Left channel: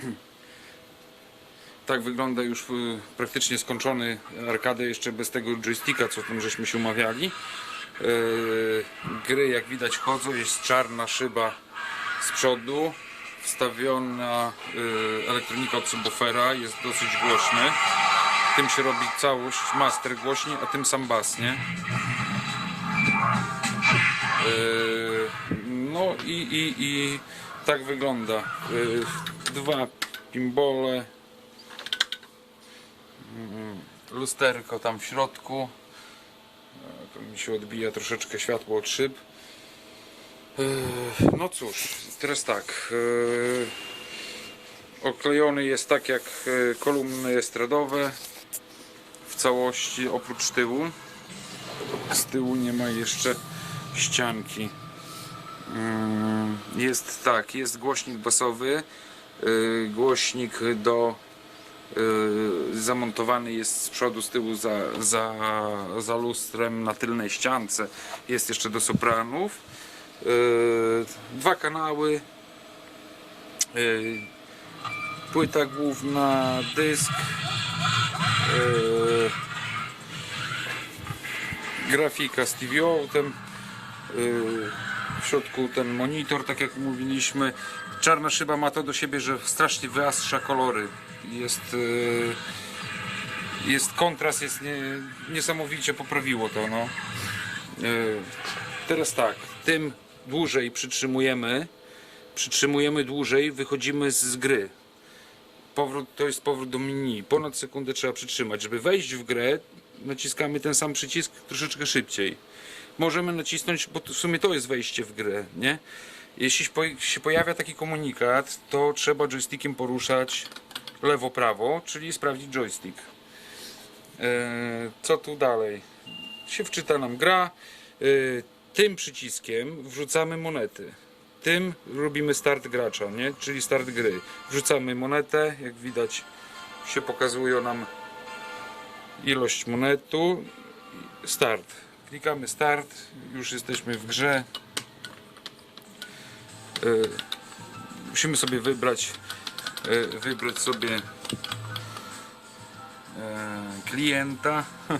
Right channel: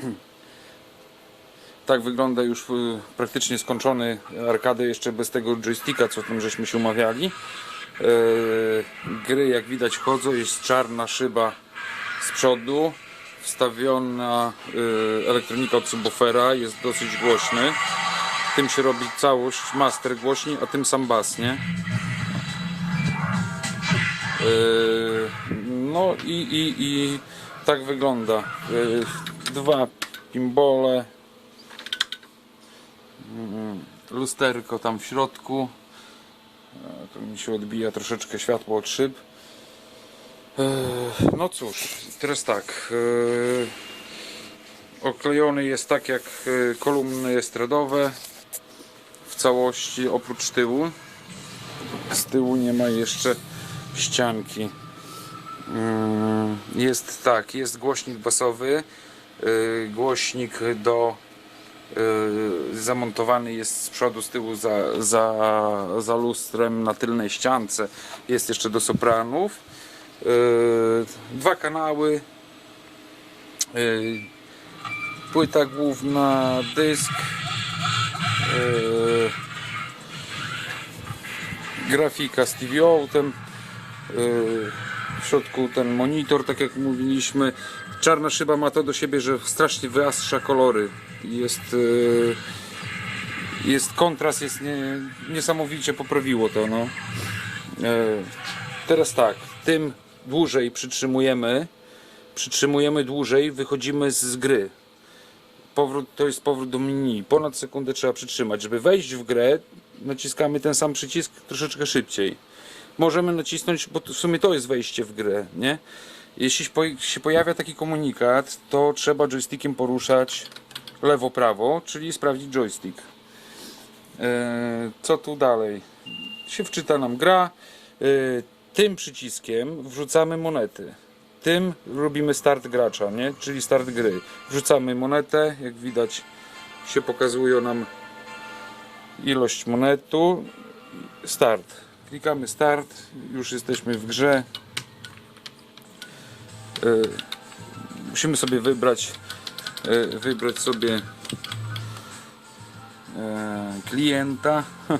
Tak wygląda już y, praktycznie skończony arkadę jeszcze bez tego joysticka, co tam żeśmy się umawiali. Yy, Gry jak widać chodzą, jest czarna szyba z przodu, wstawiona yy, elektronika od subwoofera, jest dosyć głośny. Tym się robi całość, master głośniej, a tym sam bas, nie? Yy, No i, i, i tak wygląda. Dwa gimbole, lusterko tam w środku. E, Tu mi się odbija troszeczkę światło od szyb. E, No cóż, teraz tak. e, Oklejony jest tak jak kolumny estradowe w całości oprócz tyłu. Z tyłu nie ma jeszcze ścianki. Mm, Jest tak, jest głośnik basowy, głośnik do Yy, zamontowany jest z przodu, z tyłu za, za, za lustrem na tylnej ściance. Jest jeszcze do sopranów. Yy, Dwa kanały. Płyta główna, dysk. Grafika z TV Outem. W środku ten monitor, tak jak mówiliśmy. Czarna szyba ma to do siebie, że strasznie wyastrza kolory. Jest, yy, jest kontrast, jest nie, niesamowicie poprawiło to. No. Yy, Teraz tak, tym dłużej przytrzymujemy, przytrzymujemy dłużej, wychodzimy z gry. Powrót, to jest powrót do menu. Ponad sekundę trzeba przytrzymać. Żeby wejść w grę, naciskamy ten sam przycisk troszeczkę szybciej. Możemy nacisnąć, bo w sumie to jest wejście w grę, nie? Jeśli się po- się pojawia taki komunikat, to trzeba joystickiem poruszać lewo-prawo, czyli sprawdzić joystick. E, Co tu dalej? Się wczyta nam gra. E, Tym przyciskiem wrzucamy monety. Tym robimy start gracza, nie? czyli start gry. Wrzucamy monetę, jak widać się pokazuje nam ilość monetu. Start. Klikamy start, już jesteśmy w grze. E, Musimy sobie wybrać e, wybrać sobie e, klienta.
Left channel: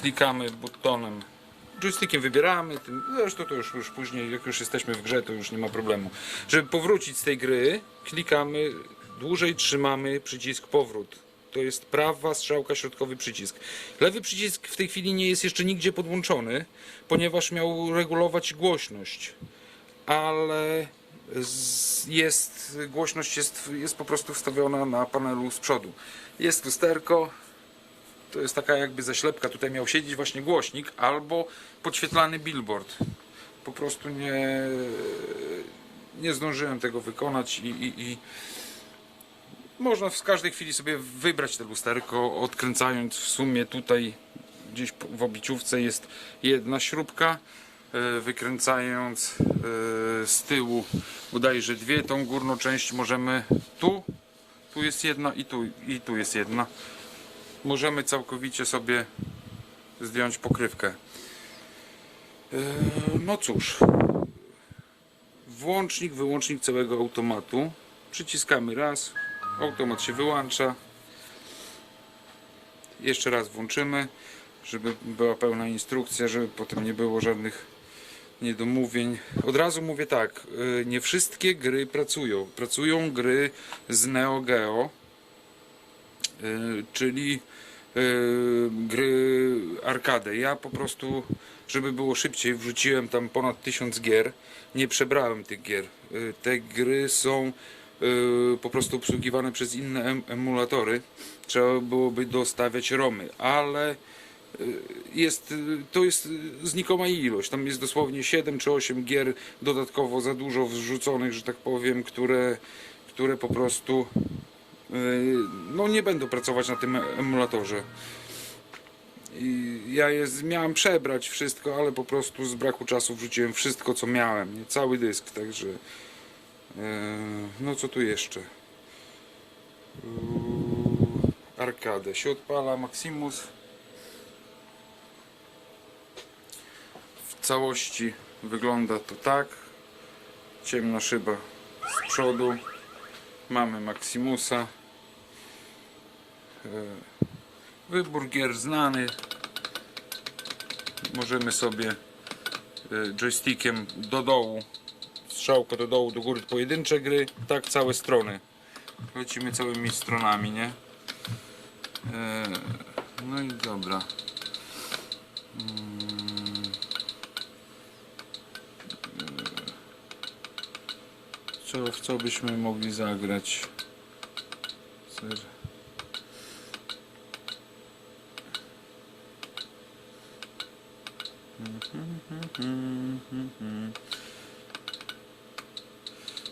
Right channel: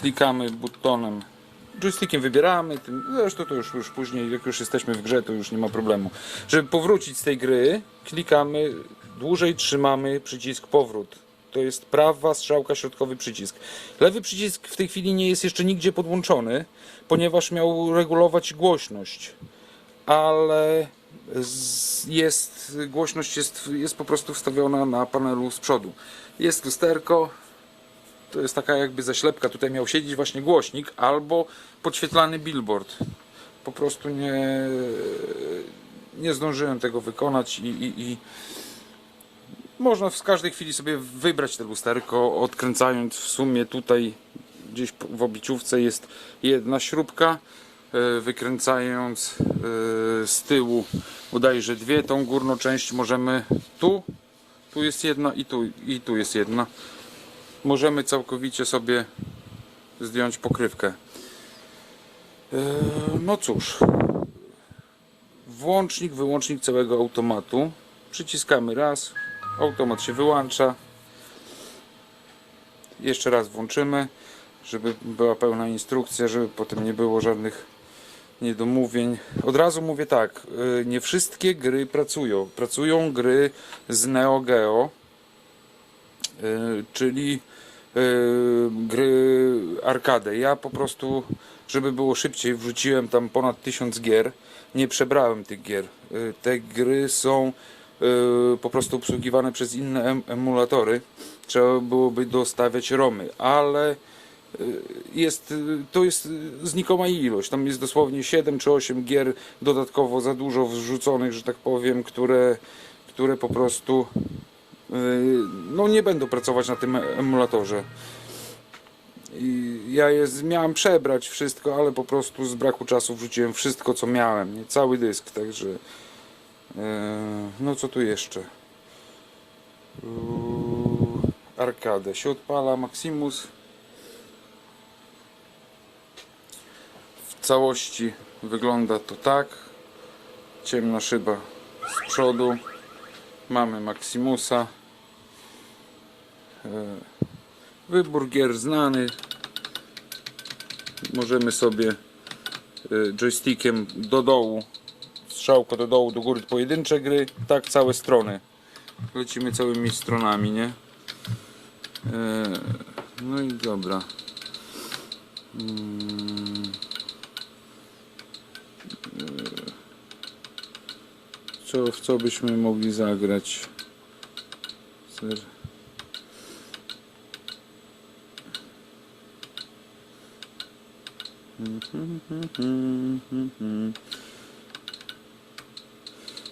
Klikamy butonem joystickiem wybieramy, zresztą to już, już później, jak już jesteśmy w grze, to już nie ma problemu. Żeby powrócić z tej gry, klikamy, dłużej trzymamy przycisk powrót. To jest prawa strzałka, środkowy przycisk. Lewy przycisk w tej chwili nie jest jeszcze nigdzie podłączony, ponieważ miał regulować głośność. Ale jest, głośność jest, jest po prostu wstawiona na panelu z przodu. Jest lusterko, to jest taka jakby zaślepka. Tutaj miał siedzieć właśnie głośnik albo podświetlany billboard. Po prostu nie, nie zdążyłem tego wykonać i, i, i można w każdej chwili sobie wybrać te lusterko, odkręcając w sumie tutaj gdzieś w obiciówce jest jedna śrubka, wykręcając e, z tyłu bodajże dwie, tą górną część możemy tu, tu jest jedna i tu, i tu jest jedna możemy całkowicie sobie zdjąć pokrywkę. Eee, No cóż, włącznik, wyłącznik całego automatu. Przyciskamy raz, automat się wyłącza. Jeszcze raz włączymy, żeby była pełna instrukcja, żeby potem nie było żadnych niedomówień. Od razu mówię tak, yy, nie wszystkie gry pracują. Pracują gry z Neo Geo, yy, czyli yy, gry arcade. Ja po prostu, żeby było szybciej, wrzuciłem tam ponad 1000 gier. Nie przebrałem tych gier. Te gry są po prostu obsługiwane przez inne em- emulatory. Trzeba byłoby dostawiać romy, ale jest, yy, to jest yy, znikoma ilość. Tam jest dosłownie 7 czy 8 gier dodatkowo za dużo wrzuconych, że tak powiem, które, które po prostu no nie będą pracować na tym emulatorze. I ja je z- miałem przebrać wszystko, ale po prostu z braku czasu wrzuciłem wszystko co miałem, nie? cały dysk, także no co tu jeszcze? Arkadę się odpala Maximus całości wygląda to tak ciemna szyba z przodu Mamy Maximusa. E, Wybór gier znany. Możemy sobie e, joystickiem do dołu, strzałko do dołu, do góry pojedyncze gry, tak całe strony. Lecimy całymi stronami, nie? E, No i dobra. Mm. Co, w co byśmy mogli zagrać?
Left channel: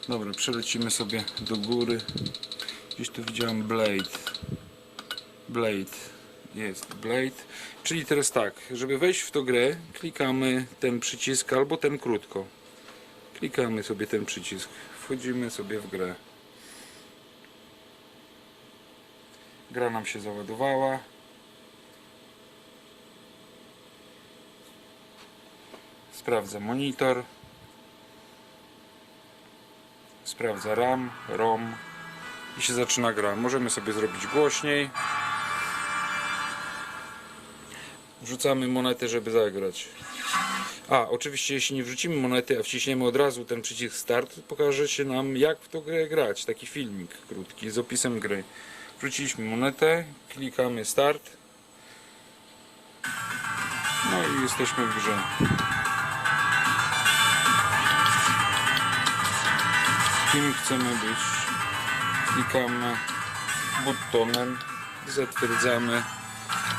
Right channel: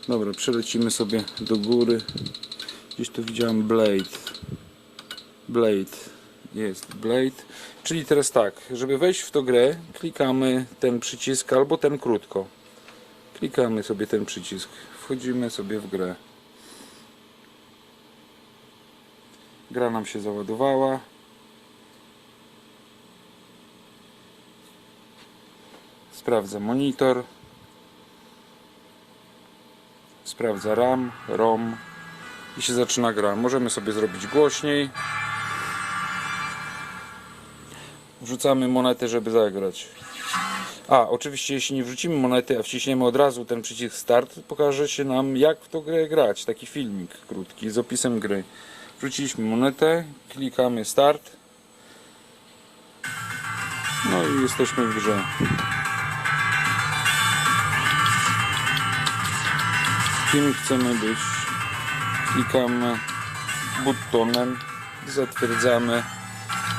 Dobra, przelecimy sobie do góry. Gdzieś tu widziałem Blade. Blade. Jest Blade. Czyli teraz tak, żeby wejść w tą grę, klikamy ten przycisk albo ten krótko. Klikamy sobie ten przycisk. Wchodzimy sobie w grę. Gra nam się załadowała. Sprawdza monitor. Sprawdza RAM, ROM i się zaczyna gra. Możemy sobie zrobić głośniej. Wrzucamy monetę, żeby zagrać. A, oczywiście jeśli nie wrzucimy monety, a wciśniemy od razu ten przycisk start, pokaże się nam jak w tą grę grać. Taki filmik krótki z opisem gry. Wrzuciliśmy monetę, klikamy start. No i jesteśmy w grze. Kim chcemy być? Klikamy butonem, zatwierdzamy.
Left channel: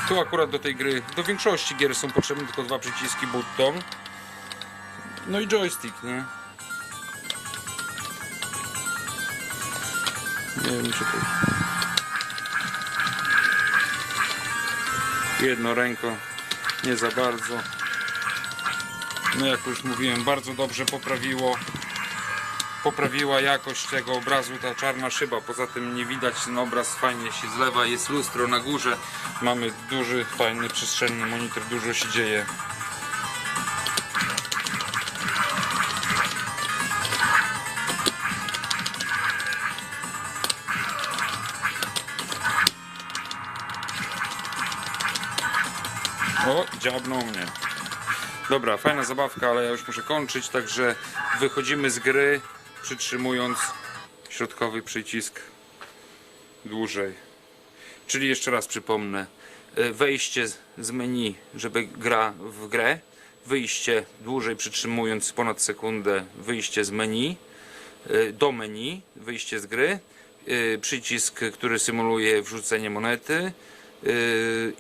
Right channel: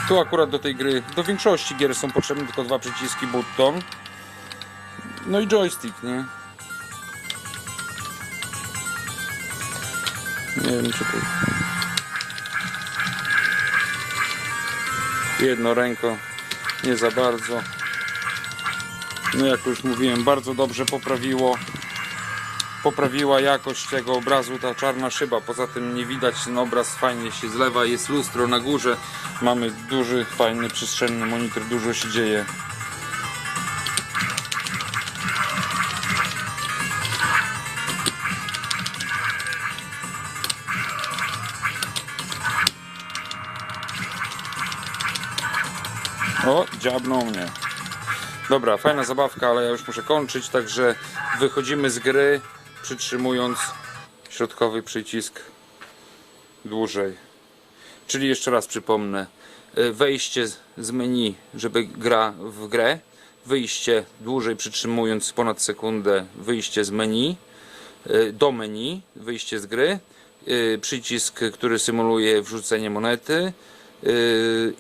Tu akurat do tej gry, do większości gier są potrzebne tylko dwa przyciski button. No i joystick, nie? Nie wiem co to Jedno ręko, nie za bardzo. No jak już mówiłem, bardzo dobrze poprawiło poprawiła jakość tego obrazu ta czarna szyba. Poza tym nie widać ten obraz fajnie się zlewa, jest lustro na górze. Mamy duży, fajny, przestrzenny monitor, dużo się dzieje. O, dziabnął mnie. Dobra, fajna zabawka, ale ja już muszę kończyć, także wychodzimy z gry przytrzymując środkowy przycisk dłużej. Czyli jeszcze raz przypomnę, e, wejście z- menu, żeby gra w grę, wyjście dłużej przytrzymując ponad sekundę, wyjście z menu, e, do menu, wyjście z gry, e, przycisk, który symuluje wrzucenie monety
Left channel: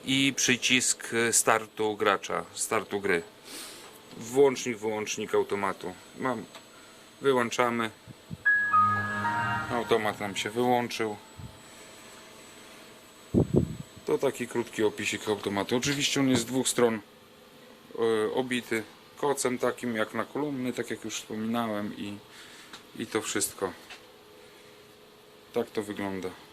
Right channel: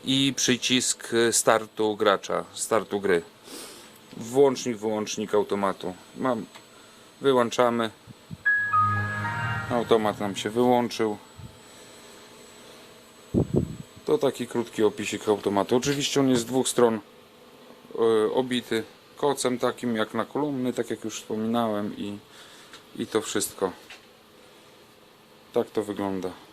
i przycisk startu gracza, startu gry. Włącznik, wyłącznik automatu. Mam Wyłączamy. Automat nam się wyłączył. To taki krótki opisik automatu. Oczywiście on jest z dwóch stron e, obity kocem takim jak na kolumny, tak jak już wspominałem i, i to wszystko. Tak to wygląda.